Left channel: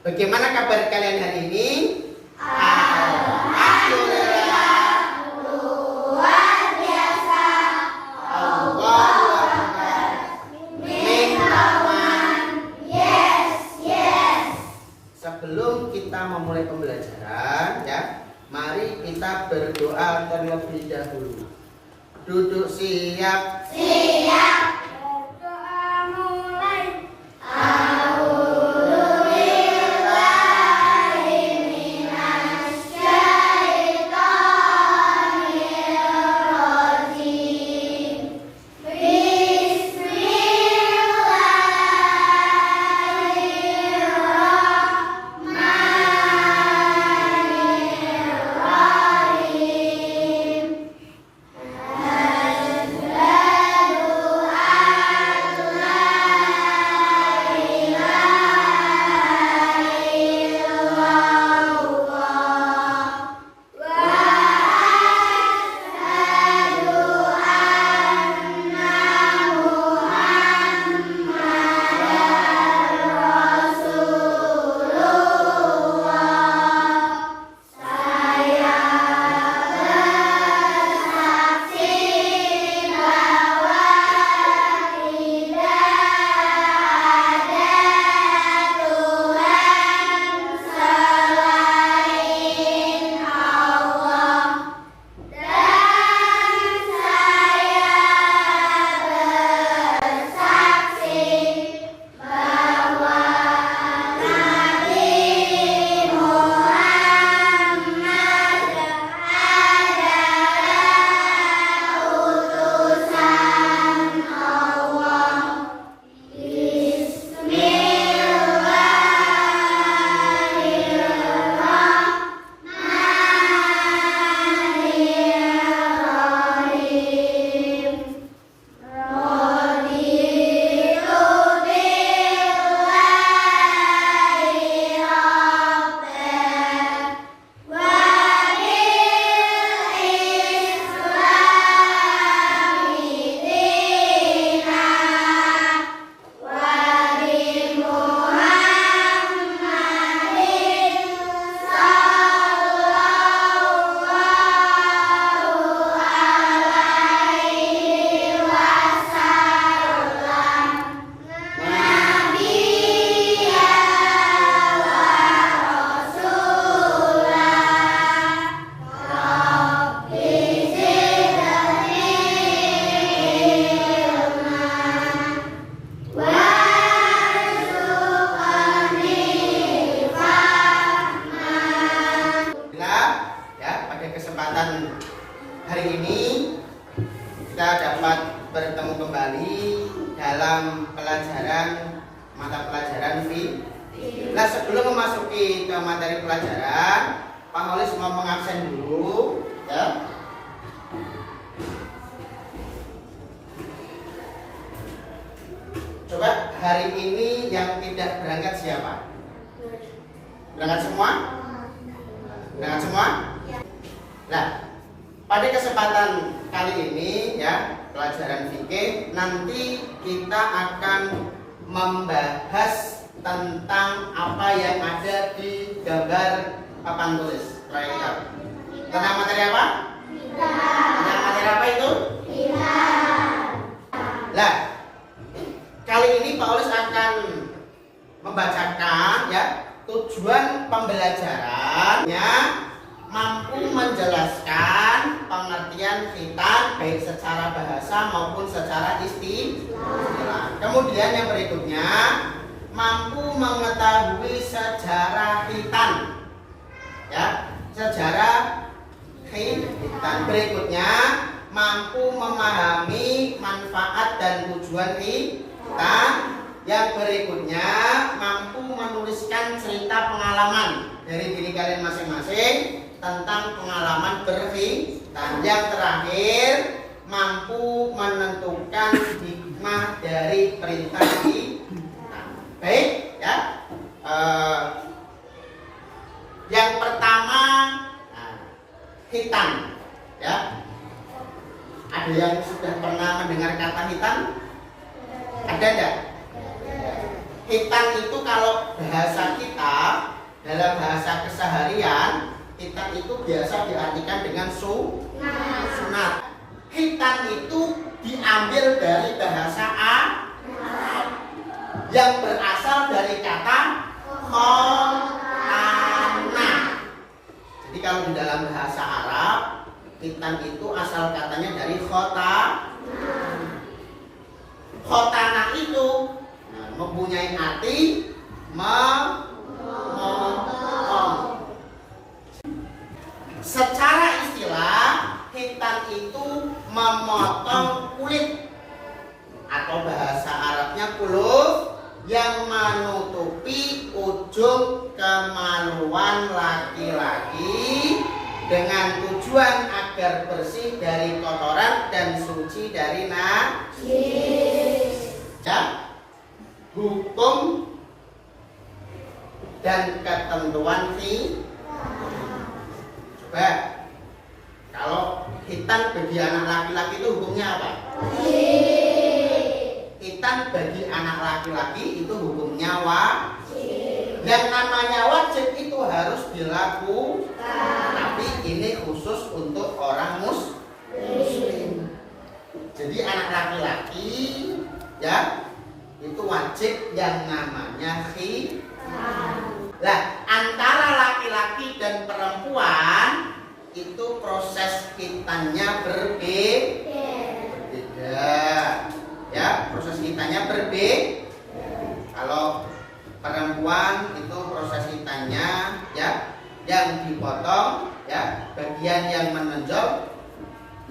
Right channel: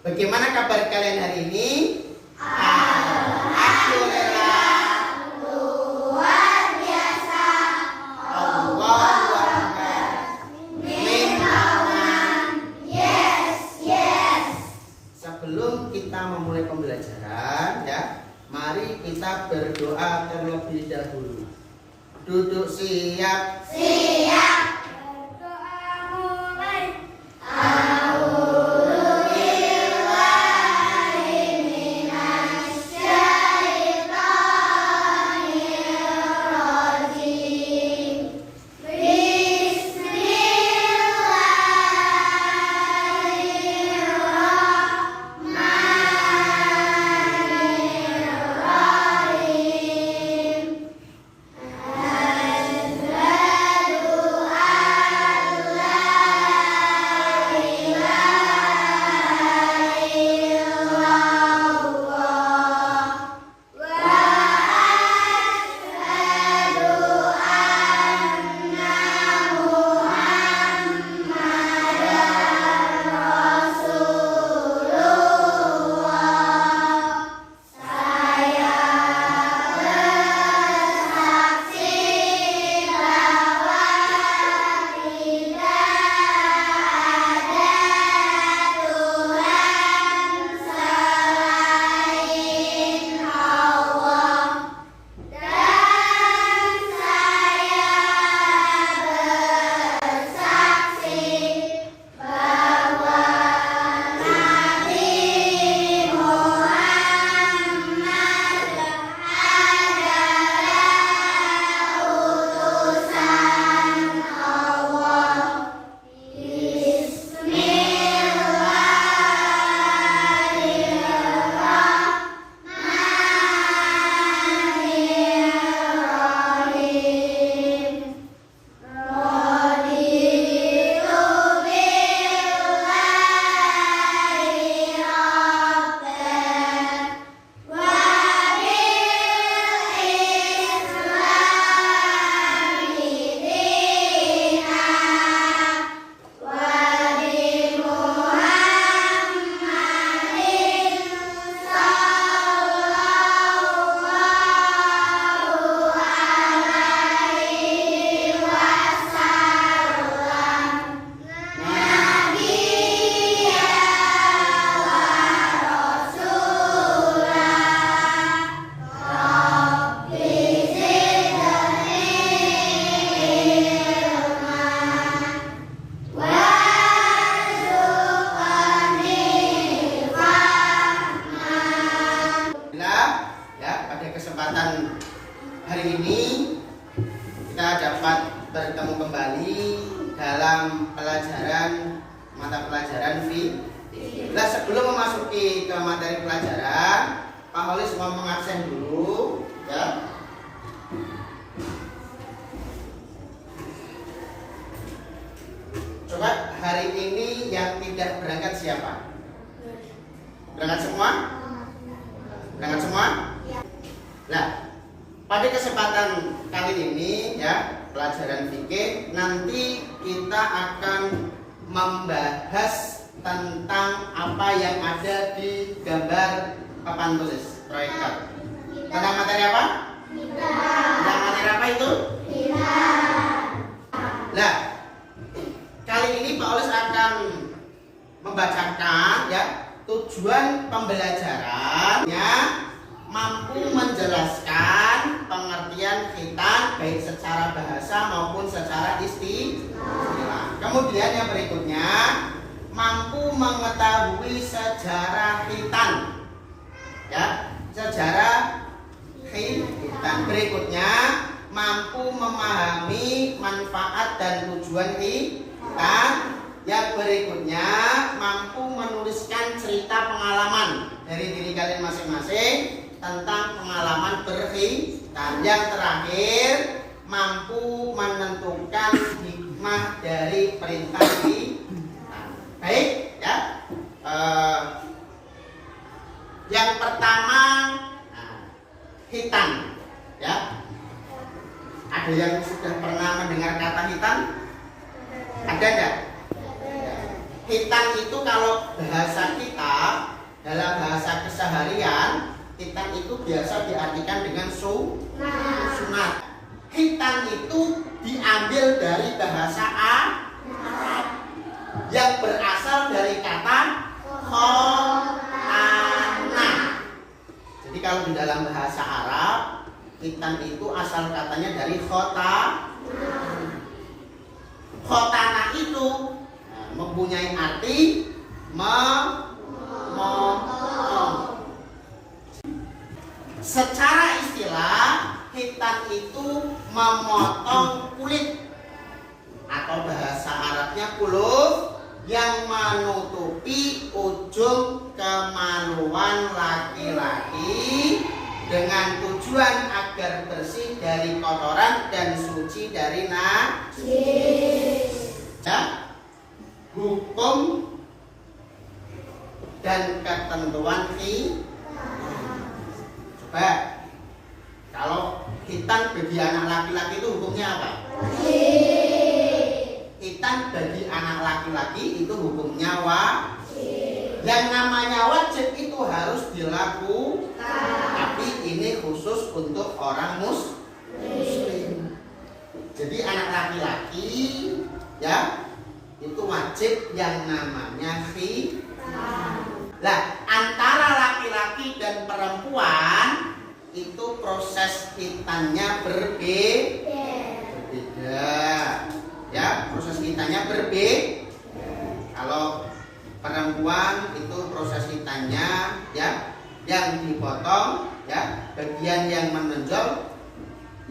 Bagaimana kabar kalian hari ini? Alhamdulillah. Luar biasa. Allahu Akbar. Yes. Sebelum kita memulai pembelajaran, ya, mari kita berdoa terlebih dahulu. Duduk siap. Siap. Berdoa mulai. Kesempatan hari ini kita dapat bertemu kembali dalam mata pelajaran FISIK. Nah, sebelum memasuki ke materi pelajaran, Pak Holis mau mengabsen dulu, ya. Coba hari ini yang tidak berangkat siapa? Berangkat semua? Berangkat semua? Nah, pada kesempatan kali ini, ya, pelajaran fikih, nanti kita akan membahas tentang apa yang ada di gambar papan tulis proyektor. Tentang materi apa? Tentang materi apa itu? Nah, kali ini Pak Olis akan membacakan, ya, tujuan pembelajarannya mampu menjelaskan pengertian khitan baik secara bahasa maupun secara istilah. Kemudian yang berikutnya, mampu mengetahui sejarah khitan, ya, sejarah khitan. Berikutnya, mampu memahami manfaat dan tujuan khitan. Yang berikutnya, mampu menuliskan cerita pengalaman dari diri kalian masing-masing tentang pengalaman berkhitan. Yang terakhir, mampu menentukan hikmah dari perintah khitan. Baik, ya. Yang pertama, khitan, ya. Ada yang sudah pernah mendengar kata khitan? Ada enggak? hitam itu kalau bahasa kita, dalam bahasa keseharian, hitam itu biasa diartikan dengan sunat. Hitam itu diambil dari bahasa Arab yang berasal dari kata khotana. Jadi kalau di dalam bahasa Arab, hitam itu asal katanya dari khotana itu mempunyai arti memotong. Secara istilah, hitam itu memotong kulit atau bahasa Arabnya kuluf yang menutupi ujung kemaluan laki-laki dengan tujuan agar bersih dari kotoran dan suci dari najis. Ya, hukum dan ketentuan coba kalau hitam bagi anak laki-laki itu hukumnya apa? Hitam bagi anak laki-laki itu hukumnya wajib. Yang namanya wajib itu harus dilakukan. Tapi ini khusus untuk orang muslim. Jadi anak laki-laki ya itu wajib yang namanya hitam. Nah, antara laki-laki dan perempuan itu proses hitamnya berbeda. Ya, proses hitamnya berbeda. Kalau perempuan itu proses hitamnya ya yang dipotong ya bagian yang menonjol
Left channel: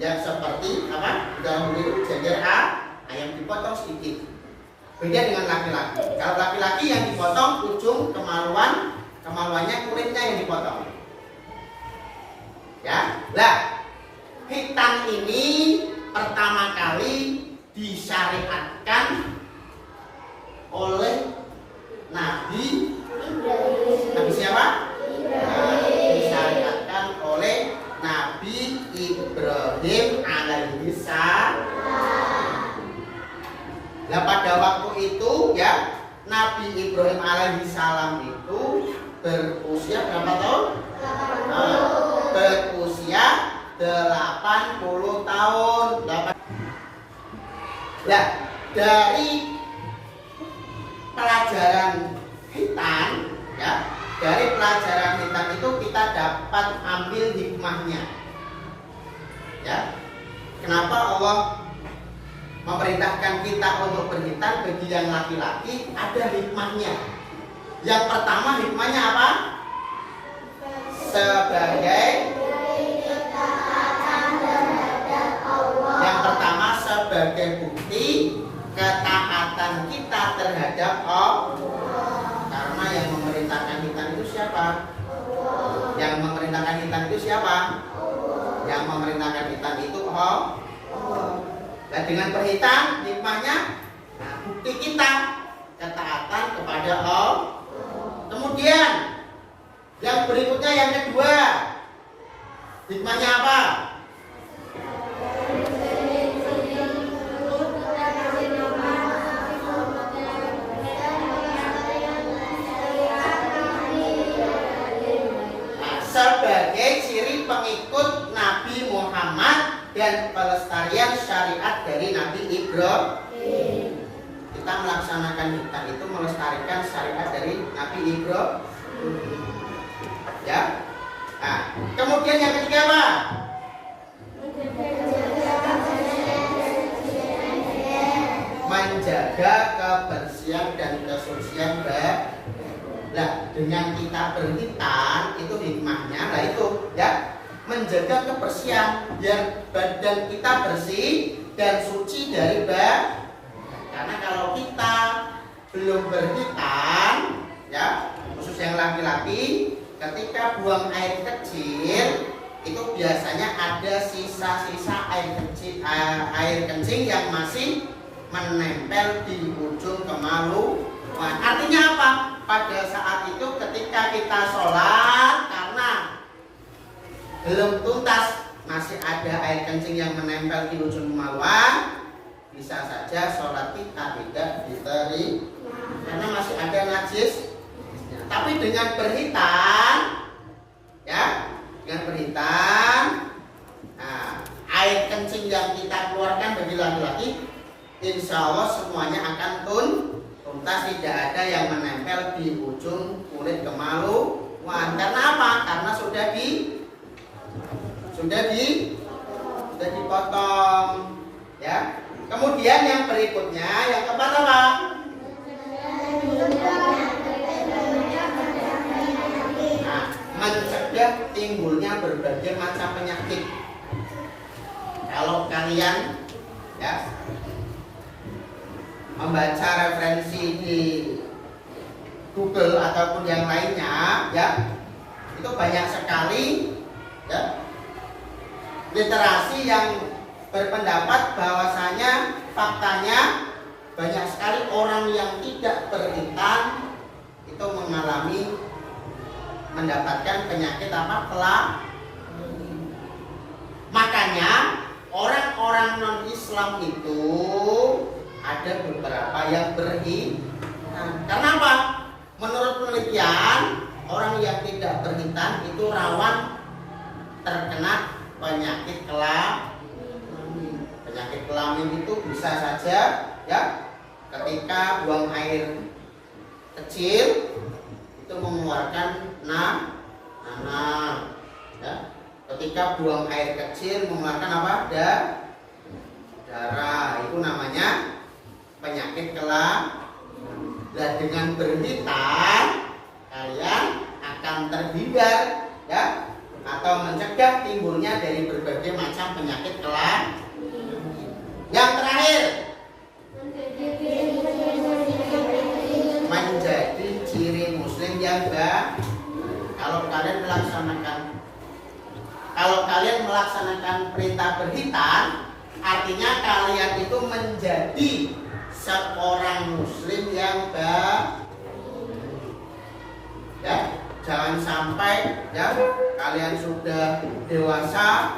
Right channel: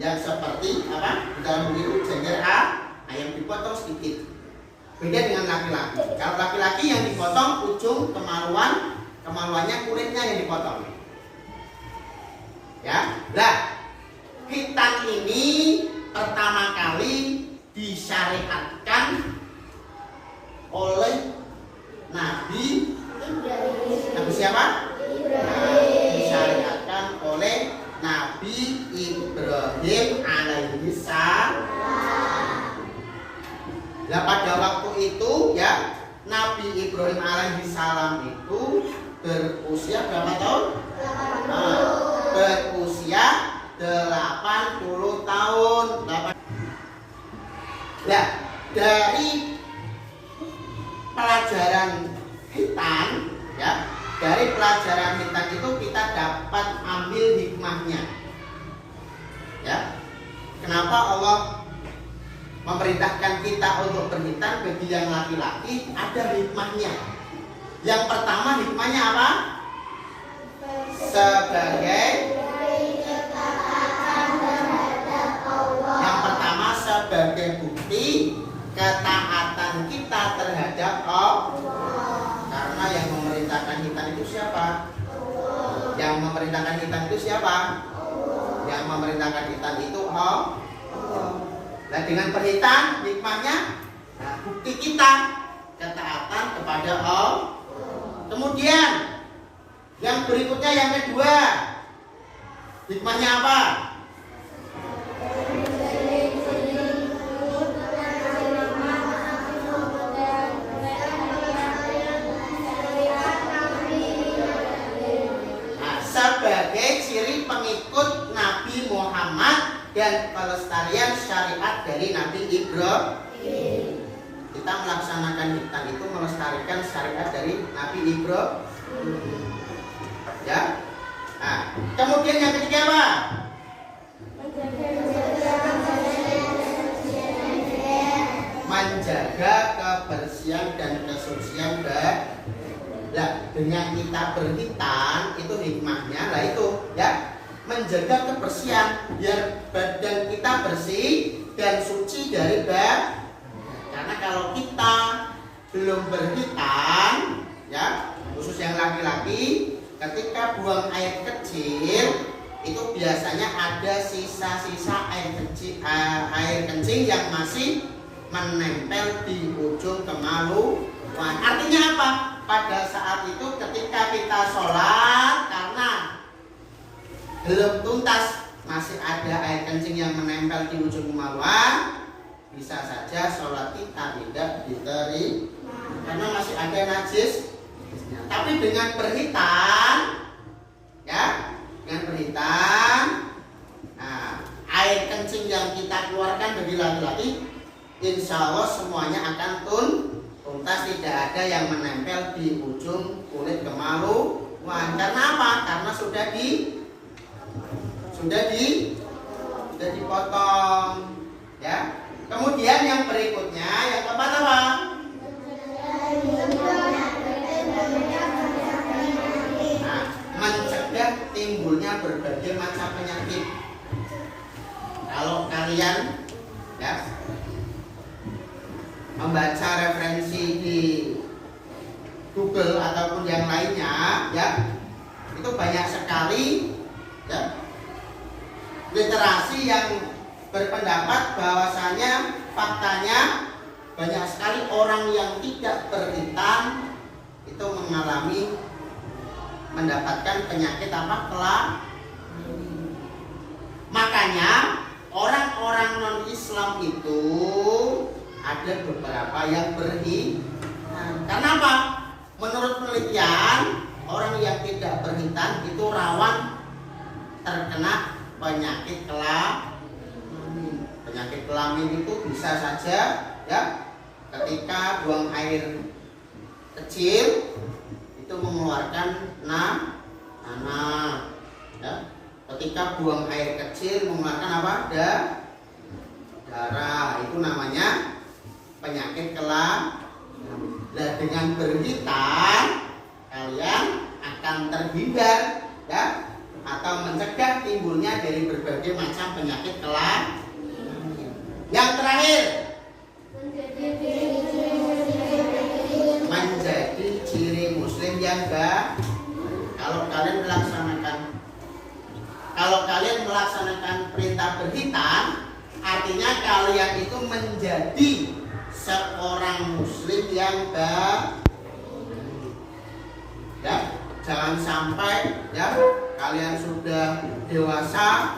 yang seperti apa di dalam buku itu jajar yang dipotong sedikit. Beda dengan laki-laki. Kalau laki-laki yang dipotong ujung kemaluannya kulitnya yang dipotong. Ya, lah hitam ini pertama kali disyariatkan oleh Nabi siapa? Disyariatkan oleh Nabi Ibrahim alaihi salam. Nah, pada waktu itu ya Nabi Ibrahim alaihi salam itu berusia berapa tahun? Berusia 80 tahun. Nah, dari pelajaran hitam ya, dari pelajaran hitam itu kita dapat ambil hikmahnya. Ya. Kenapa Allah memerintahkan kita untuk berhitam bagi yang laki-laki? Ada hikmahnya. Yang pertama hikmahnya apa? Sebagai yang pertama sebagai bukti ketaatan kita terhadap Allah. Karena yang memerintahkan hitam itu siapa? Yang memerintahkan hitam itu siapa? Yang memerintahkan hitam itu Allah. Nah, dengan berhitam hikmahnya, nah, bukti kita ketaatan kepada Allah. Kemudian yang berikutnya yang kedua, hikmahnya apa? Nah, sebagai ciri pengikut Nabi Muhammad dan pelestarian syariat dari Nabi Ibrahim. Kita melaksanakan hitam itu melestarikan syariat dari Nabi Ibrahim. Ya. Nah, kemudian yang ketiga apa? Menjaga kebersihan dan kesucian Nah, dengan kita berhitam itu hikmahnya, nah itu ya menjaga kebersihan biar badan kita bersih dan suci dari karena kalau kita belum berhitam ya khusus yang laki-laki ketika buang air kecil itu biasanya ada sisa-sisa air kencing yang masih menempel di ujung kemaluan. Artinya apa? Pada saat itu ketika kita sholat karena belum tuntas masih ada air kencing yang menempel di ujung kemaluan, bisa saja sholat kita tidak diterima karena masih ada najis. Tapi dengan berhitan, ya, dengan berhitan, nah, air kencing yang kita keluarkan bagi laki-laki, insya Allah semuanya akan tuntas, tidak ada yang menempel di ujung kulit kemaluan. Karena apa? Karena sudah dipotong, ya. Kemudian yang berikutnya, yang keempat apa? Nah, mencegah timbulnya berbagai macam penyakit. Kalau kalian, ya, membaca referensi di Google ataupun yang lainnya, ya, itu banyak sekali, ya, literasi yang berpendapat bahwasanya faktanya banyak sekali orang yang tidak berhitan itu mendapatkan penyakit apa? Makanya orang-orang non-Islam itu ada beberapa yang berhitan. Karena apa? Menurut penelitian, orang yang tidak berhitan itu rawan terkena penyakit kelamin. Penyakit kelamin itu bisa saja, ya, ketika buang air kecil itu mengeluarkan nanah, ya. Ketika buang air kecil mengeluarkan apa? Darah. Itu namanya penyakit kelamin. Nah, dengan berhitan kalian akan terhindar, ya, atau mencegah timbulnya dari berbagai macam penyakit kelamin. Yang terakhir, menjadi ciri muslim yang baik. Kalau kalian melaksanakan perintah berhitan, artinya kalian itu menjadi seorang muslim yang baik. Ya, jangan sampai, ya, kalian sudah dewasa,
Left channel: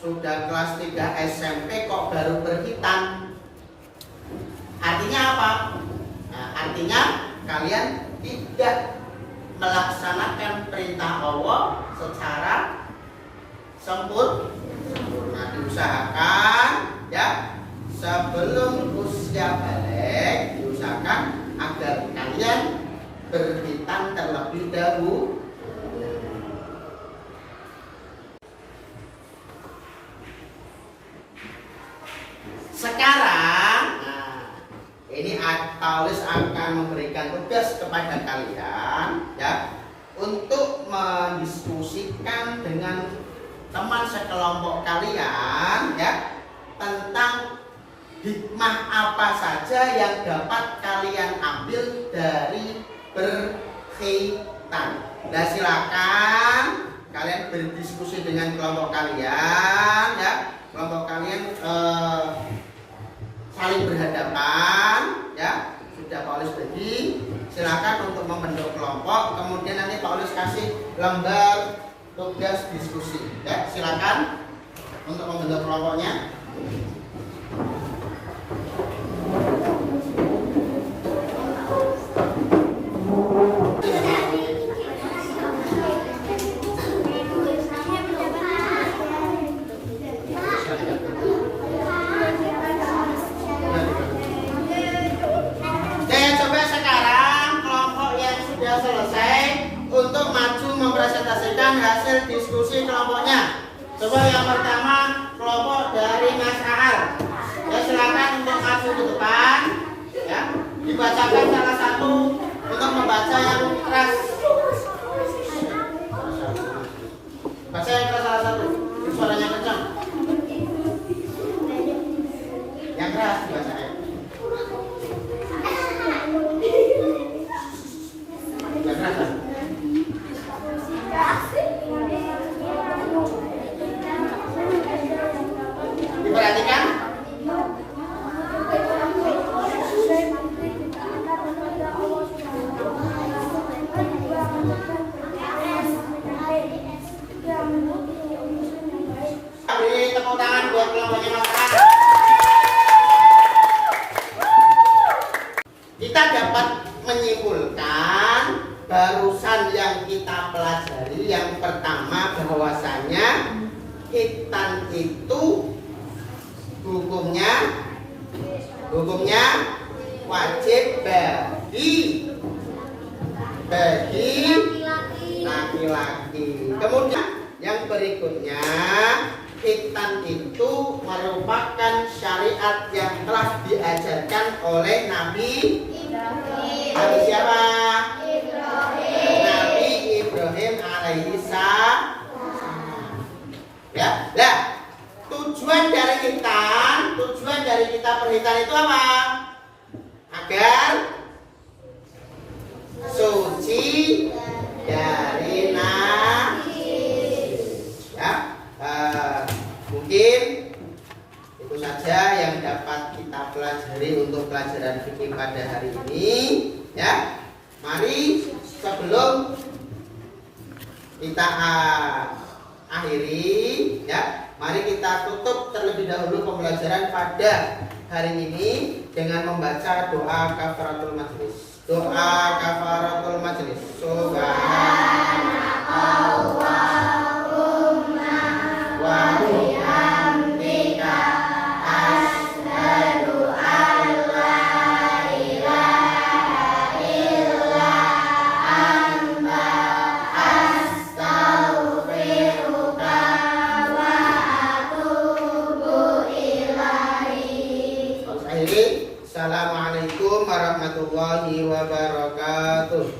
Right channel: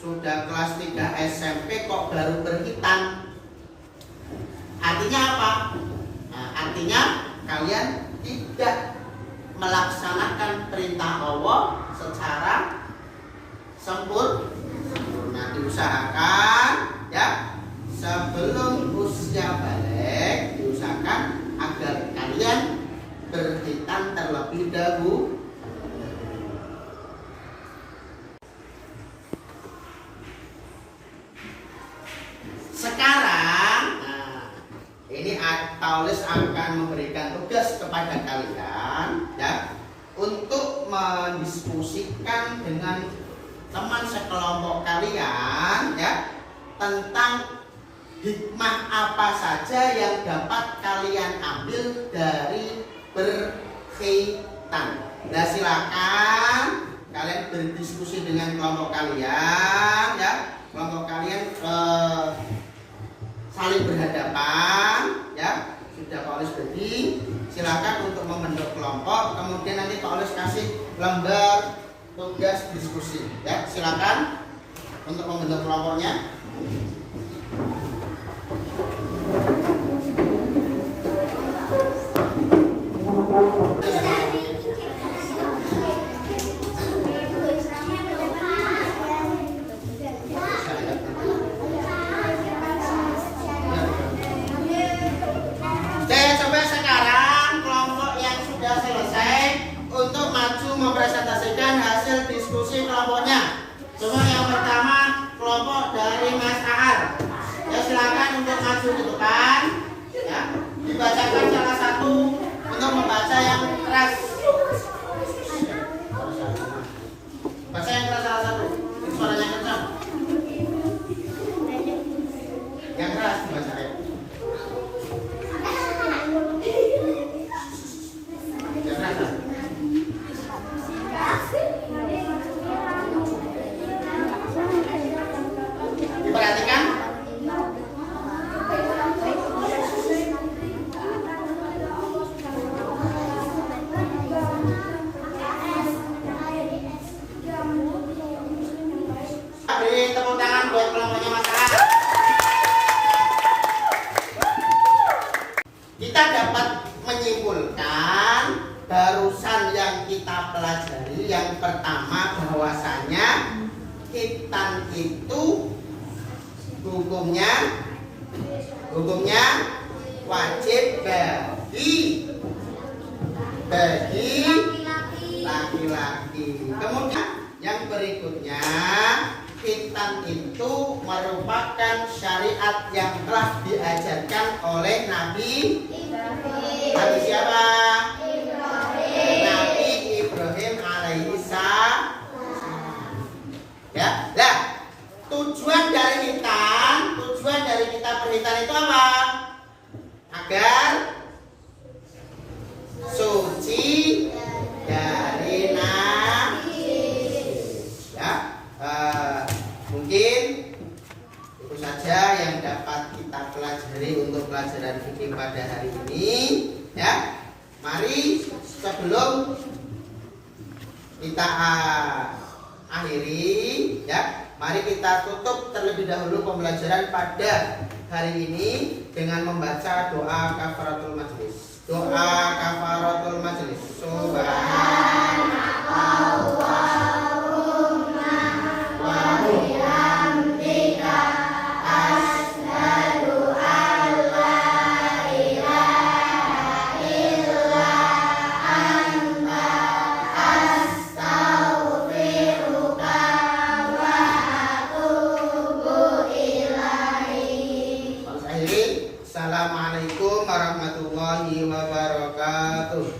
sudah kelas 3 SMP kok baru berhitan. Artinya apa? Nah, artinya kalian tidak melaksanakan perintah Allah secara sempurna. Diusahakan, ya, sebelum usia balik diusahakan agar kalian berhitan terlebih dahulu. Sekarang, nah, ini Paulus akan memberikan tugas kepada kalian, ya, untuk mendiskusikan dengan teman sekelompok kalian, ya, tentang hikmah apa saja yang dapat kalian ambil dari berkhitan. Nah, silakan kalian berdiskusi dengan kelompok kalian, ya. Kelompok kalian saling berhadapan, ya. Sudah Paulus bagi, silakan untuk membentuk kelompok. Kemudian nanti Paulus kasih lembar tugas diskusi, ya. Silakan untuk membentuk kelompoknya. Mempresentasikan hasil diskusi kelompoknya. Coba yang pertama kelompok dari Mas Ahal. Ya, silakan untuk maju ke depan. Ya, dibacakan salah satu untuk membaca yang keras. Baca yang keras salah satu. Suaranya kencang. Yang keras dibaca ya. Yang keras. Diperhatikan. menyimpulkan barusan yang kita pelajari yang pertama bahwasanya khitan itu hukumnya wajib bagi laki-laki. Kemudian yang berikutnya, khitan itu merupakan syariat yang telah diajarkan oleh Nabi siapa? Nabi Ibrahim alaihi salam. Ya, nah, tujuan dari kita berkhitan itu apa? Agar suci dari najis. Ya, mungkin itu saja yang dapat kita pelajari untuk pelajaran fikih pada hari ini. Ya, mari sebelum kita akhiri, ya, mari kita tutup terlebih dahulu pembelajaran pada hari ini dengan membaca doa kafaratul majelis. Doa kafaratul majelis. Subhanallahumma wa bihamdika asyhadu an la ilaha illa anta astaghfiruka wa atubu ilaik. Assalamualaikum warahmatullahi wabarakatuh.